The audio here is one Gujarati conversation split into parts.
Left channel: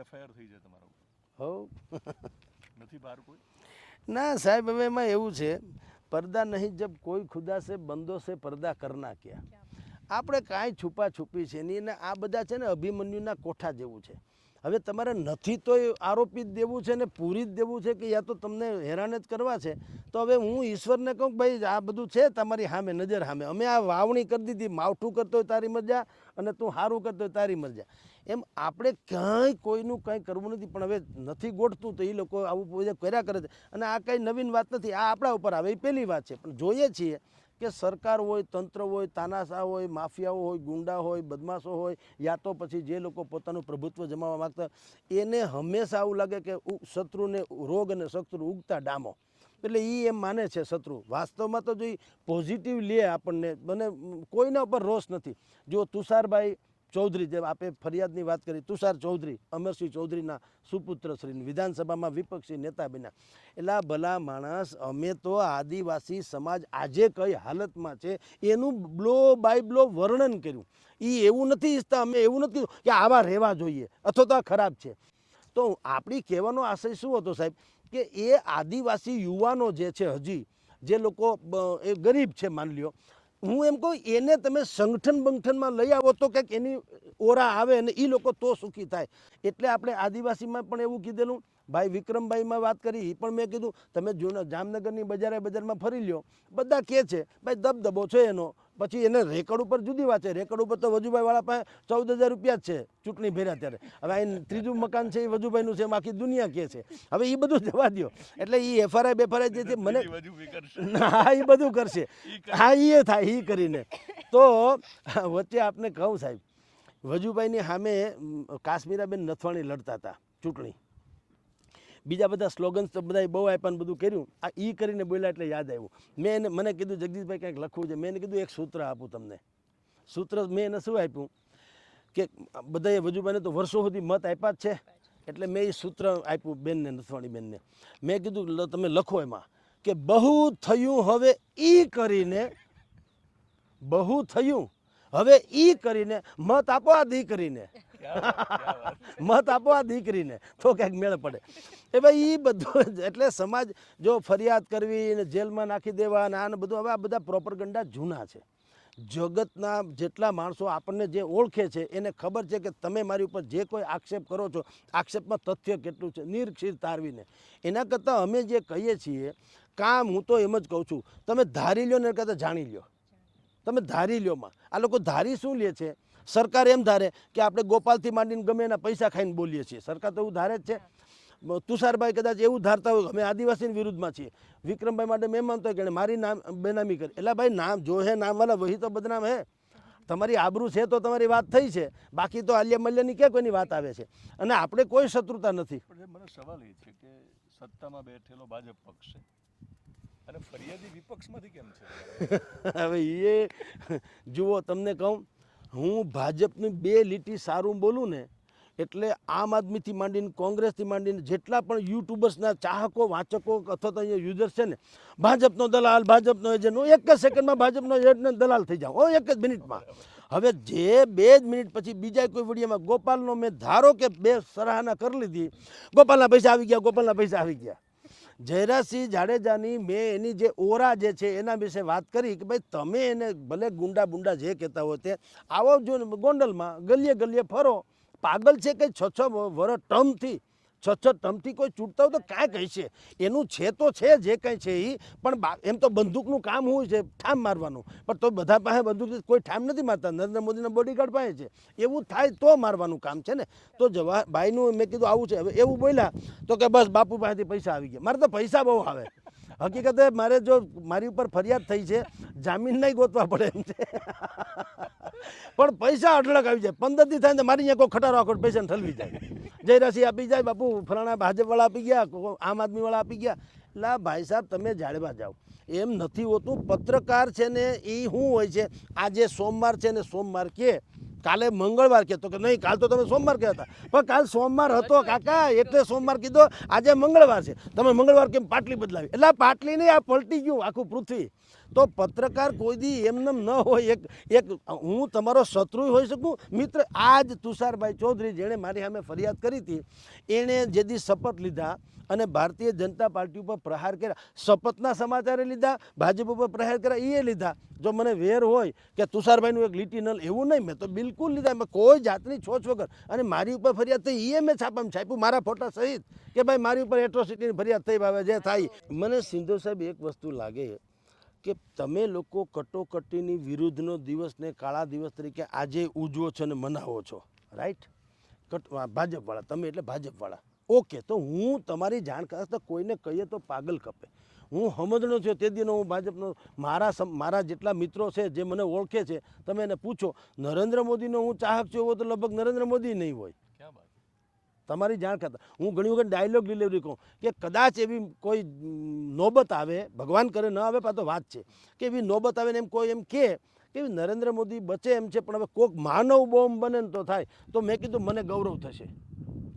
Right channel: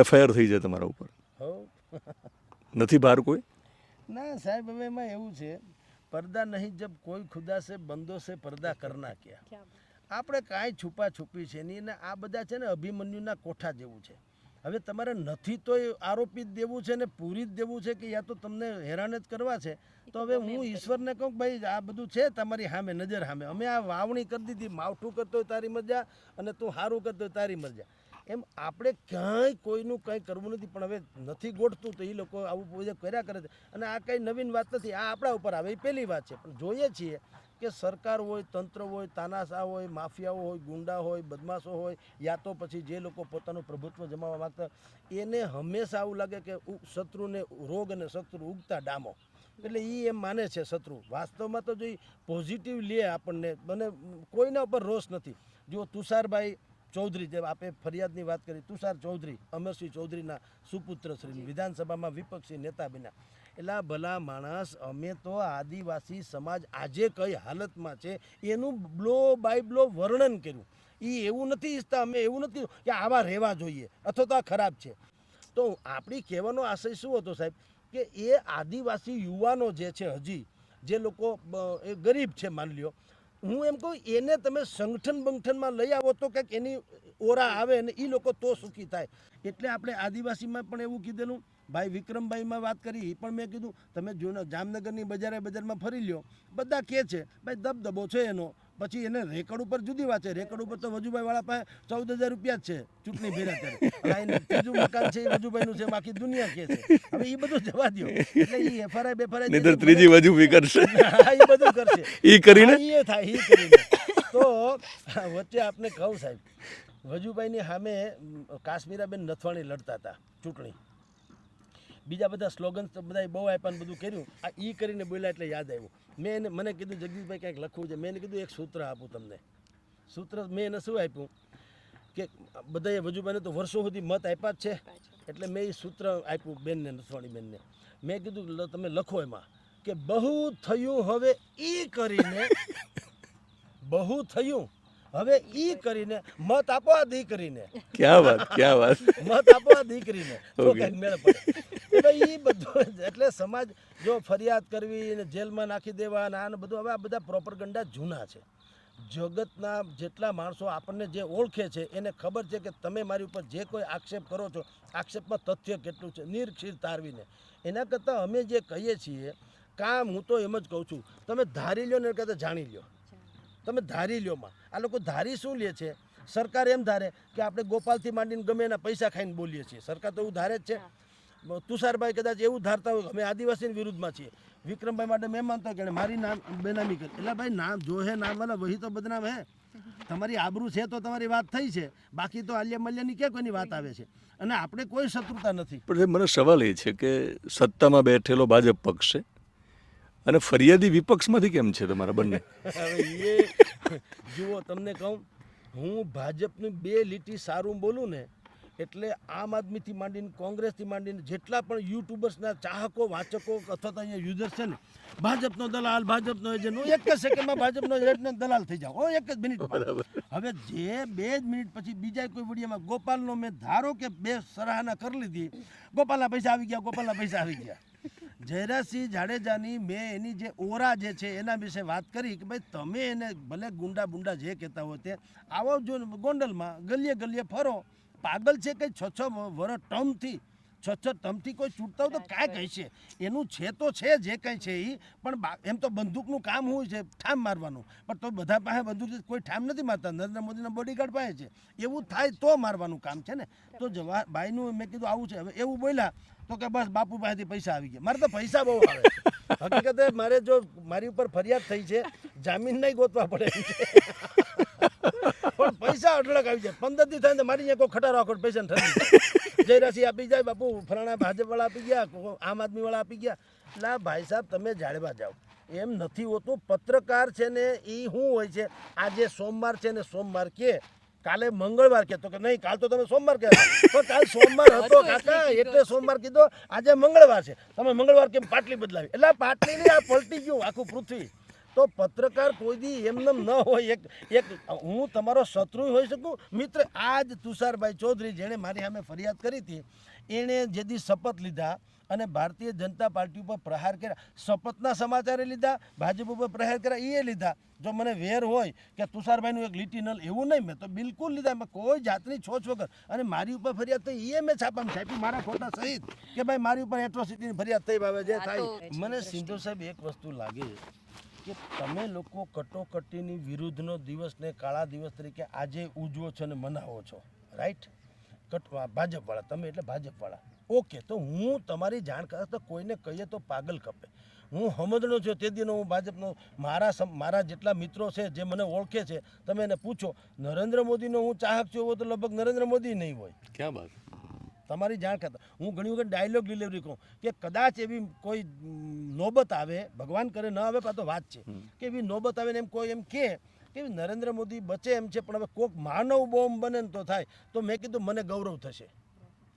એફઆઈઆર થઈ જાય તમારા ઉપર. નથી બહાર કોઈ? ના સાહેબ હવે એમાં એવું છે પડદા નહીં જબ કોઈ ખુદા સે બંદો સે પડદા કરના ક્યાં આપણે કાંઈ છુપા છુપી છે નહીં ને આ બધા છે ને અભિમન્યુના કોઠા જેવું છે. હવે તમારે નથી તો એ આરોપી જ દેવું છે ને પૂરી જ દેવું છે કે યા તો તમને હેરાન જ કરવા છે? તો હવે હું ઈશ્વરને કહું કે ભાઈ આ બધું છે તમારી સામે નજર સામે. અમે આ વાવણી કરી દીધી માવઠું કરતો હોય તારી મજા અને તું સારું કરતો તારી મજા. એમ આપણે ક્યાંય કોઈનું કંઈ કરવું નથી, પણ હવે નથી ગોઠતું તો એ લોકો આવું બધા કર્યા કરે છે. અને આ કંઈ નવીન વાત નથી, આ આપણા ઉપર આવે, એ પહેલી વાત છે. પણ જોઈએ છીએ કે સરકાર હોય, તંત્ર હોય તાનાશા હોય, માફિયાઓ હોય, ગુંડા હોય, બદમાશો હોય, યા તો પછી જે લોકો પોતાનું પ્રભુત્વ જમાવવા માંગતા એને હંમેશા આવું લાગે કે શત્રુને રોગ અને શત્રુ ઉગતા ડામો. એટલે એ એમ માને છે શત્રુ. વાસ્તવમાં તો જો પોઝિટિવ લે આપણને, મને કોઈના ઉપર રોષ નથી. જો તુષારભાઈ ચૌધરી જેમ આપે ફરિયાદની વાત કરી તુષાર ચૌધરી અમરસિંહ ચૌધરીના સુપુત્ર શ્રી વિધાનસભામાં વિપક્ષી નેતા બન્યા. એટલા ભલા માણસ અમે તો આદિવાસી સમાજ આજે કઈ હાલતમાં છે એનું બ્લો બાય બ્લો વર્ણન કર્યું. એ એવું નથી ઈચ્છતા અમે એવું નથી કે આવા રહેવા જોઈએ અથવા તો આ ખરાબ છે. તો આપણી કહેવાનો આશય શું હતો સાહેબ? કે એ આદિવાસી યુવાનો જે છે હજી જે લોકો એ ગરીબ છે માની લ્યો હું એમ કહું એને તમે સંગઠન બંગઠનમાં લઈ આવો તો કંઈક એની ઓરા આવે અને એ લોકો તો સુખી થાય. એટલે આપણે આદિવાસીમાં પણ એવું કીધેલું ભાઈ વિક્રમભાઈમાં વાત કરી એ પણ મેં કીધું તમે જૂના જામનગરની બજારે બજારમાં ફરી લ્યો. બધા કહે છે ભાઈ દબદબો છે એનો. પછી એને રેકડ ઉપર જુદી વાત છે. રેકડ ઉપર તો વજુભાઈ વાળા પાસે ચૌદ હજાર રૂપિયા જ છે ચૂંટણી ફેર્યા ત્યારે. હવે ત્રીજું મકાન છે એ વજુભાઈનું છે બાકી દુનિયા કે છે. હવે એ બધું જવા દો એટલે એ એફઆરઆઈ બેફઆરઆઈ ત્રીજી બી કરશે. હા એ બધું કરશે. એ કરીને? એ થાય એ કરીને. તો વચ્ચે આપને કહું સાહેબ વજુભાઈની સામે કાશ્મીરાબેન નથવાણી લડતા હતા ચૂંટણી. બીજા બધા સ્લોગન્સ તો બધાએ બહુ આપ્યા ને બધું કર્યું. આ ઈ કરીને બોલ્યા એટલે યાદ આવ્યું. મેં એને, મને કીધું, જગદીશભાઈ, કંઈક લખવું છે. મેં એને કીધું, એક સૂત્ર આપું તમને. સૂત્ર મેં એને શું આપ્યું? કે બધાએ વજુભાઈને તો વર્ષો સુધી મત આપ્યા જ છે. એટલે મેં એ સૂત્ર આપ્યું બેનને નથવાણી બેનને મેં કીધું તમે લખો એમાં. કે બહુ થયું, હવે ઈ કરીને બહુ થયું. હવે ઈ કરીને મત આપો આ દીકરીને. ક્યાં વાત ક્યાં વાત? મત આપો આ દીકરીને. તો કંઈક મેળ પડે. એ ઈ બધું એટલે સમાજ જો ફરિયાદ કરવી ને જેલમાં નાખી દેવા ને આને બધું હવે આ બધા પ્રોપરગંડા જૂના છે. જગતના જેટલા માણસો આપણને જે ઓળખે છે એને ખબર છે કે તમે મારી ઉપર જે કોઈ આક્ષેપ કરો છો આક્ષેપમાં તથ્ય કેટલું છે નિરક્ષીર તારવીને. એના કરતાં અમે જે કહીએ છીએ કામ હું તો એમ જ કહું છું તમે ધારી લ્યો ને એ કરતાં જાણી લ્યો. તમે ધારી લ્યો માં. આ લોકો ધારી શું લે છે? સરકાર એમ ધારે કે આપણે ગોપાલથી માંડીને ગમે એના પૈસા ખાઈને બોલીએ છીએ. સરકાર તો એવું ધારે જ છે. તુષારભાઈ કદાચ એવું ધારતા હોય અમે આદિવાસીની વિરુદ્ધમાં છીએ. વિક્રમભાઈ માટે મેં માનતો કે મારી નામ, બેનામી કરી. એટલે ભાઈ, નામ જો હે, નામ વાલા, વહી તો બદનામ હે. તમારી આબરૂ છે તો તમારી વાત થઈ છે. બાકી તો આલિયા મલ્યાની ક્યાં કોઈની વાત આવે છે? અને આપણે કોઈ શત્રુતા નથી. પણ મને સવાલ એ છે કે સત્તામાં બેઠેલો ભાજપ પક્ષ છે. અને ફરિયાદી વિપક્ષમાંથી કેમ છે તમારા બંને? જુઓ તમને કહું હું ભાજપની બે લીટી સારું બોલું ને એટલે આમ આદમીથી માંડીને કોંગ્રેસથી માંડીને જેટલા પણ યુટ્યુબર્સના ચાહકો વાચકો અથવા તો અહીંયા યુઝર્સ છે ને ભાજપનો દલાલ ભાજપનો એજન્ટ હું એક જ સેકન્ડમાં ભાજપનો એજન્ટનો દલાલ થઈ જાઉં હો એક જ મિનિટમાં. હવે જે બે જ મિનિટ પછી બીજા કોઈ વિડીયોમાં ગોપાલનો મેં ધારો કે બે સરાહના કરી લીધી ગોપાલના પૈસા આવી ગયા ગોપાલના પૈસા આવી ગયા. જયરાજસિંહ જાડેજાની મેં એની જે ઓરા જે છે એના વિશે વાત કરી કે ભાઈ તમે એને ભલે ગુંડા બુંડા જે કહેતા હોય તે આવો જો ગોંડલમાં ગલીએ ગલીએ ફરો. પાગલ છે કે છ છ વર ટર્મથી છ છ ટર્મથી કોઈ છૂટતા હોય તો કાંઈ કહે છે એનું છે તો છે જે કંઈ છે એ પણ એમ તો બંદૂકનું કામ હોય છે ઠામ મારવાનું. પણ તો બધા પાસે બંદૂક કોઈ ઠામ નથી મારતા. નરેન્દ્ર મોદીના બોડીગાર્ડ પાસે છે. એવું થાય તો મારવાનું કામ છે ને. તો જવા ભાઈનું મેં કીધું આવું છે. હવે એવું બોલ્યા તો કે બસ બાપુ પાસેથી પૈસા આવી ગયા. મારે તો પૈસા બહુ આવે. હકીકતે મારે જો મારી ઉપર ફરિયાદ થઈ છે જામીન નહીં ગોતવા પડે. પણ પૈસા અઢળક આવી જાય. પંદર દી થાય તો મારી અહીંયા કોઈ ખટારો આખો પૈસા ઠરી જાય જયરાશી આપી જાય બાપુ. ફલાણા ભાજપ વાળા આપી ગયા આમ આદમી વાળા આપી ગયા. એટલે ભાઈ સાહેબ તમે જાળવા જાઓ. એમ નથી હોતું. પત્રકાર છે ને એ શું હોય છે? આજે સોમવાર છે ને સોમવાર કે કાલે મંગળવાર કહેતો કે નહીં કાલ તો તમે સોમવાર કે પણ કાલ સોમવાર હતો કાકા એટલે સોમવાર કીધો આજે મંગળવાર છે. તમે મંગળવાર કેમ પાટલી બદલાવી? એટલે પાટલી નહીં આ પલટી ગયું આખું પૃથ્વી. તો પત્રકાર કોઈ દી એમને ન હોય એક એક હું તમારો શત્રુ હોઈ શકું? મિત્ર આજ તુષારભાઈ ચૌધરી જેણે મારી સામે ફરિયાદ કરી હતી એણે જે દી શપથ લીધા અને ભારતીય જનતા પાર્ટી ઉપર પ્રહાર કર્યા શપથના સમાચારે લીધા ભાજપ ઉપર પ્રહાર કર્યા એ લીધા. જો મને વેર હોય કે તુષારભાઈનું એક લીટી નલ એવું નહીં મેં તો બિલકુલ લીધા મેં કોઈ જાતની છોછ વગર. અને મારી ઉપર ફરિયાદ થઈ એ મેં છાપામાં છાપ્યું મારા ફોટા સહિત કે ભાઈ મારી ઉપર એટ્રોસિટીની ફરિયાદ થઈ ભાવે જે થાય. મને સિંધુ સાહેબ એક વસ્તુ લાગે છે. કે તમે લોકો કટોકટીની વિરુદ્ધનો દિવસને કાળા દિવસ તરીકે આજે ઉજવો છો અને મનાવો છો રાઈટ કટ ભાજપવાળા, તમે એટલે ભાજપવાળા. ઓકે તો હું તમારી જાણ કરતા તો કોઈને કહીએ તો પાગલ ખપે. હું સમજણો છું તે દીનો હું ભાજપનો, મારા મારા જેટલા મિત્રો છે જે મને ઓળખે છે, તમે એને પૂછો, નરેન્દ્ર મોદીનો હું ચાહક છું એવો તો લગભગ નરેન્દ્ર મોદી નહીં હોય. ક્યાં બાત? તમારી જાણ કરતા. હું ઘણી વખત ડાયલોગ ડિલિવરી કહું કે કદાચ એવી કોઈ નોબત આવે ભગવાન કરે ન આવે કાં તો વાત છે. કે એવી નોબત આવે ને એમ કોઈ એમ કહે કે નરેન્દ્ર મોદી બચે એમ છે પણ હવે કોઈક માનવ બોમ્બ બને ને તો થાય. તો મેં કીધું મને ગૌરવ થશે.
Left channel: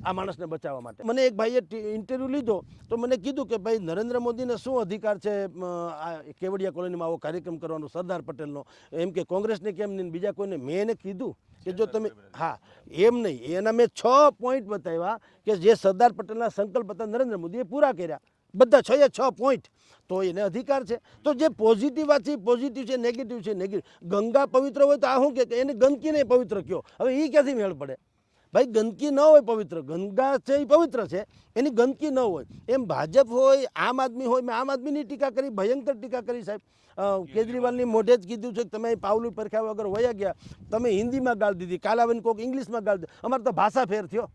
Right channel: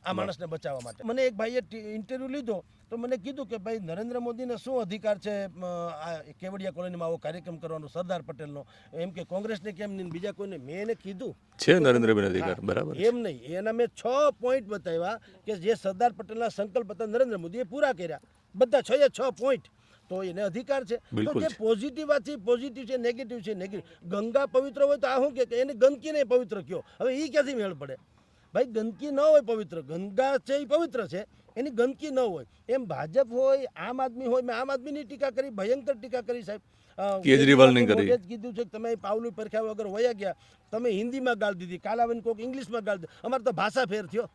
આ માણસને બચાવવા માટે. મને એક ભાઈએ ઇન્ટરવ્યૂ લીધો તો મને કીધું કે ભાઈ નરેન્દ્ર મોદીને શું અધિકાર છે આ કેવડિયા કોલોનીમાં આવો કાર્યક્રમ કરવાનો સરદાર પટેલનો? એમ કે કોંગ્રેસને કેમ નહીં? ને બીજા કોઈને મેં એને કીધું. છે નરેન્દ્રભાઈ અધિકાર, બરાબર. એમ નહીં. એના મેં છ પોઈન્ટ બતાવ્યા કે જે સરદાર પટેલના સંકલ્પ હતા નરેન્દ્ર મોદીએ પૂરા કર્યા. બધા છ એ છ પોઈન્ટ તો એને અધિકાર છે. તો જે પોઝિટિવ વાત છે પોઝિટિવ છે નેગેટિવ છે નેગેટિવ ગંગા પવિત્ર હોય તો આ શું કે? એને ગંદકી નહીં પવિત્ર કયો. હવે એ ક્યાંથી મેળ પડે? ભાઈ ગંદકી ન હોય પવિત્ર. ગંગા છે એ પવિત્ર છે. એની ગંદકી ન હોય. એમ ભાજપ હોય આમ આદમી હોય મેં આમ આદમીની ટીકા કરી ભયંકર ટીકા કરી સાહેબ. મોઢે જ કીધું છે કે તમે પાવલું પરખ્યા વગર વયા ગયા. તમે હિન્દીમાં ગાળ દીધી કાલાવન કોક ઇંગ્લિશમાં ગાળ દીધી. અમારે તો ભાષા ફેર થયો.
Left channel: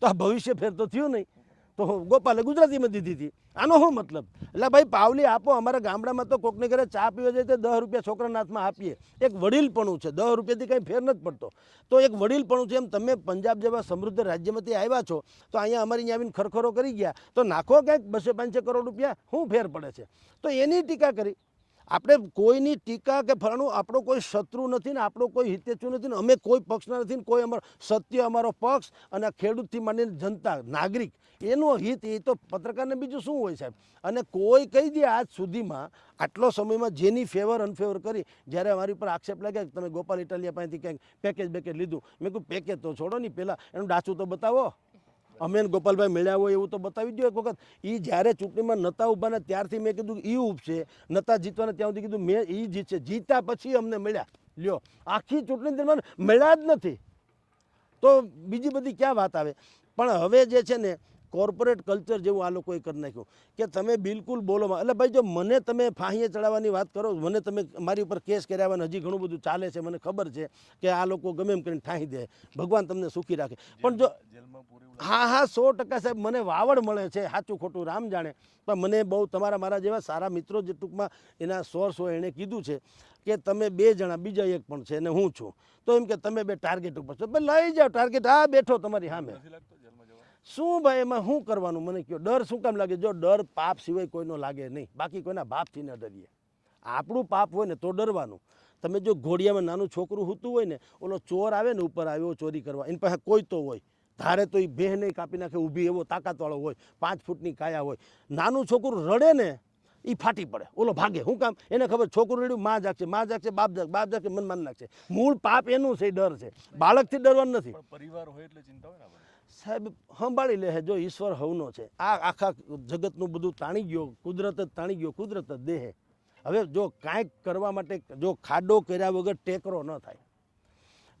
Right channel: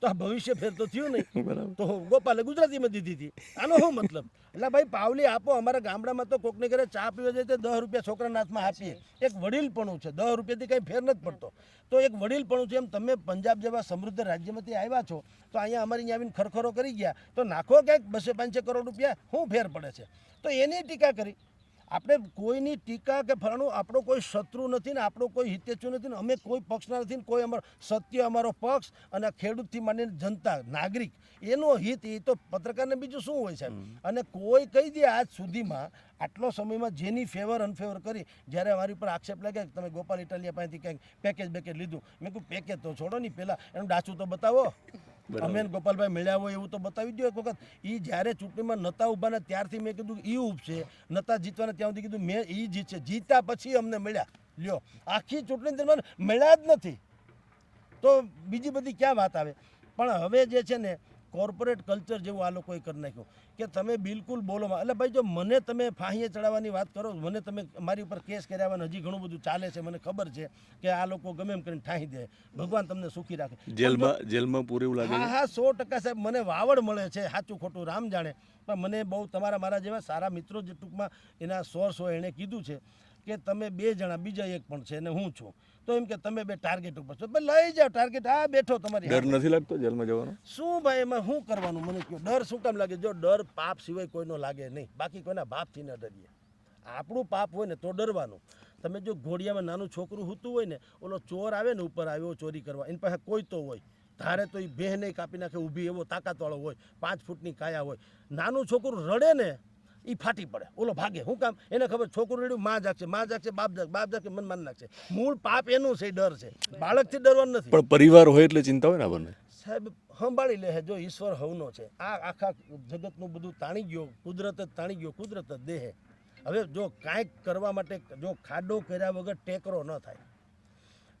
તો આ ભવિષ્ય ફેર તો થયું નહીં. તો ગોપાલે ગુજરાતીમાં દીધી હતી. આનો શું મતલબ? એટલે ભાઈ પાવલી આપો અમારા ગામડામાં તો કોકને ઘરે ચા પીવા જાય તો દસ રૂપિયા છોકરાના હાથમાં આપીએ. એક વડીલપણું છે. દસ રૂપિયાથી કંઈ ફેર નથી પડતો. તો એક વડીલપણું છે એમ તમે પંજાબ જેવા સમૃદ્ધ રાજ્યમાંથી આવ્યા છો તો અહીંયા અમારી અહીંયા આવીને ખરખરો કરી ગયા. તો નાખો ક્યાંક બસો પાંચસો કરોડ રૂપિયા શું ફેર પડે છે? તો એની ટીકા કરી. આપણે કોઈની ટીકા કે ફલાણું આપણો કોઈ શત્રુ નથી ને આપણો કોઈ હિતેચ્છુ નથી ને અમે કોઈ પક્ષના નથી ને કોઈ અમારો સત્ય અમારો પક્ષ અને ખેડૂતથી માંડીને જનતા નાગરિક એનો હિત એ તો પત્રકારને બીજું શું હોય સાહેબ? અને કોઈ કહી દે આજ સુધીમાં આટલો સમયમાં જેની ફેવર અનફેવર કરી જ્યારે અમારી ઉપર આક્ષેપ લાગ્યા કે તમે ગોપાલ ઇટાલિયા પાસેથી ક્યાંક પેકેજ બેકેજ લીધું. મેં કહ્યું પેકેજ તો છોડો નહીં પહેલાં એનું ડાચું તો બતાવો. અમે ગોપાલભાઈ મળ્યા હોય એવું તો બતાવી દો એક વખત. એ જ્યારે ચૂંટણીમાં નતા ઊભા ને ત્યારથી મેં કીધું એ ઉપશે નતા જીતવાને ત્યાં સુધી કીધું મેં એ જીતશે. જીતા પછી અમને મળ્યા. લ્યો, આખી ચૂંટણી દરમિયાન મળ્યા જ નથી. તો બીજી બધી ક્યાં વાત આવે? પણ હવે જે છે ને કોર્પોરેટ કલ્ચર જેવું આ લોકોએ કરી નાખ્યું. કે તમે બિલકુલ બોલો એટલે ભાઈ જો મને તમે ફાંહીએ ચડાવવાની વાત કરો મને તમે મારી ઉપર કેસ કર્યા હજી ઘણું બધું ચાલે છે મને ખબર છે કે આ લોકો ગમે એમ કરીને ઠાંહી દે. ભગવાન તમને સુખી રાખે. જેલમાં જેલમાં પૂરે લાગે? હા હા સો ટકા સાહેબ મને વાવડ મળે છે સાચું ખોટું રામ જાણે. પણ મને બહુ તમારા મારા જેવા સારા મિત્રો જે ટૂંકમાં એના સોર્સ હોય એણે કીધું છે કે તમે બે જણા બીજા એક પણ છે ને હું છું. તો એમ કે તમે બે ટાર્ગેટ ઉપર છો. ભાઈ લઈ જાઓ ટાર્ગેટ હા બેઠો તમારી ડર નથી લાગતો જેલમાં જવાનો? શું ભાઈ એમાં શું કરવાનું? મને કહો ડર શું કામ લાગે? જો ડર પાપ સિવાય કોઈનો લાગે નહીં. બાકી કોઈના બાપથી ન ડરીએ. આપણું પાપ હોય ને તો ડરવાનું. તમે જો ઘોડિયામાં નાનું છોકરું હોતું હોય ને ઓલો ચોર આવે ને ઉપર આવ્યો ચોરી કરવા. એની પાસે કોઈ તો હોય. ધારે તો એ બેહ નહીં કાપી નાખે ઊભી એવો તાકાતવાળો હોય. પાંચ ફૂટની કાયા હોય. નાનું છોકરું રડે ને એ ફાટી પડે. ઓલો ભાગે. શું કામ? એને ખબર છોકરું રેડ્યું માં જાગશે. માં જાગશે બાપ જાગ બાપ જાગશે મન માન નાખશે. મૂળ પાપ એનું છે ડર છે. બાળકથી ડરવાનું નથી. પણ પરિવાર હોય એટલે ચિંતા હોય ને આપણને? સાહેબ સંભાળી લે જો ઈશ્વર હવનો છે. આ આખા જગતનું બધું તાણી ગયો કુદરત જ તાણી ગયો કુદરત જ દેહે. હવે જો કાંઈક કરવા માટે જો ખાડો કર્યા વગર ટેકરો ન થાય.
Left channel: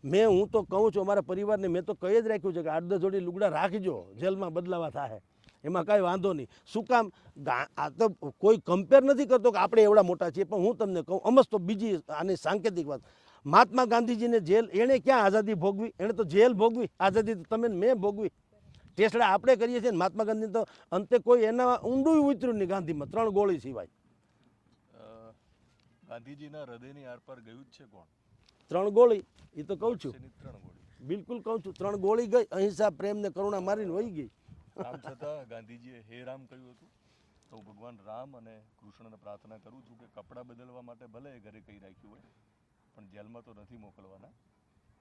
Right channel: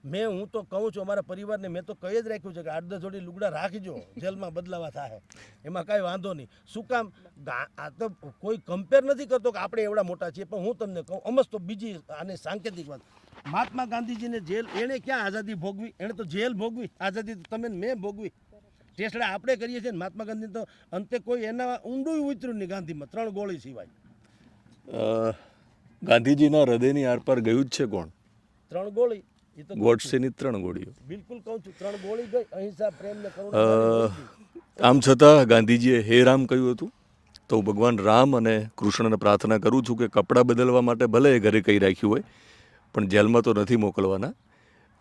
મેં હું તો કહું છું અમારા પરિવારને મેં તો કહી જ રાખ્યું છે કે આઠ દસ જોડી લુગડા રાખજો જેલમાં બદલાવા થાય. એમાં કાંઈ વાંધો નહીં. શું કામ? આ તો કોઈ કમ્પેર નથી કરતો કે આપણે એવડા મોટા છીએ પણ હું તમને કહું અમસ તો બીજી આની સાંકેતિક વાત. મહાત્મા ગાંધીજીને જેલ એણે ક્યાં આઝાદી ભોગવી? એણે તો જેલ ભોગવી. આઝાદી તો તમે મેં ભોગવી. ટેસડા આપણે કરીએ છીએ મહાત્મા ગાંધી તો અંતે કોઈ એના ઊંડું ઉતર્યું નહીં ગાંધીમાં. ત્રણ ગોળી સિવાય. ગાંધીજીના હૃદયની આરપાર ગયું જ છે કોણ? ત્રણ ગોળી. ગોડસેની ત્રણ ગોળીઓ. બિલકુલ કહું છું ત્રણ ગોળી ગઈ અહિંસા પ્રેમ ને કરુણા. આમ છતાં ગાંધીજીએ હે રામ કહ્યું હતું તો ભગવાન રામ અને કૃષ્ણને પ્રાર્થના કરું છું કે કપડાં બદલવા માટે ભલે એ ઘરે કહી રાખ્યું હોય પણ જેલમાં તો નથી મોકલવાના.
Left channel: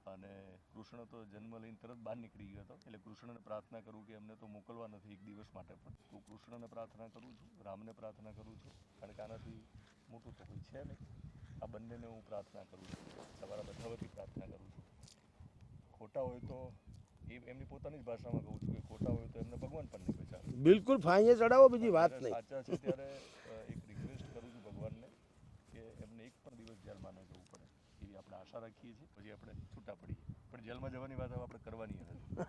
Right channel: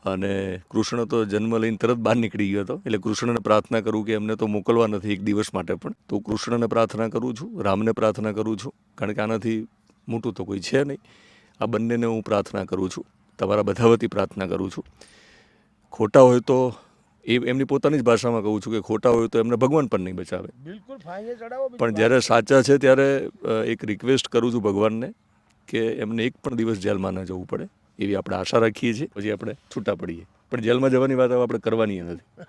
અને કૃષ્ણ તો જન્મ લઈને તરત બહાર નીકળી ગયો હતો એટલે કૃષ્ણને પ્રાર્થના કરું કે એમને તો મોકલવા નથી એક દિવસ માટે પણ. તો કૃષ્ણને પ્રાર્થના કરું છું રામને પ્રાર્થના કરું છું કારણ કે આનાથી મોટું તો કોઈ છે નહીં. આ બંનેને હું પ્રાર્થના કરું છું. તમારા બધા વતી પ્રાર્થના કરું છું. ખોટા હોય તો એ એમની પોતાની જ ભાષામાં કહું છું કે ખોટા હોય તો એમને ભગવાન પણ નહીં બચાવે. બિલકુલ પણ જ્યારે સાચા છે ત્યારે એક રિક્વેસ્ટ કરું છું ભગવાનને કે એમને એક પણ દિવસ જેલમાં ન જવું પડે એવી આપણે આશા રાખીએ છીએ. પછી આપણે છૂટા પડીએ. પણ જેલમાં જવાની વાત આપણે કરવાની નથી.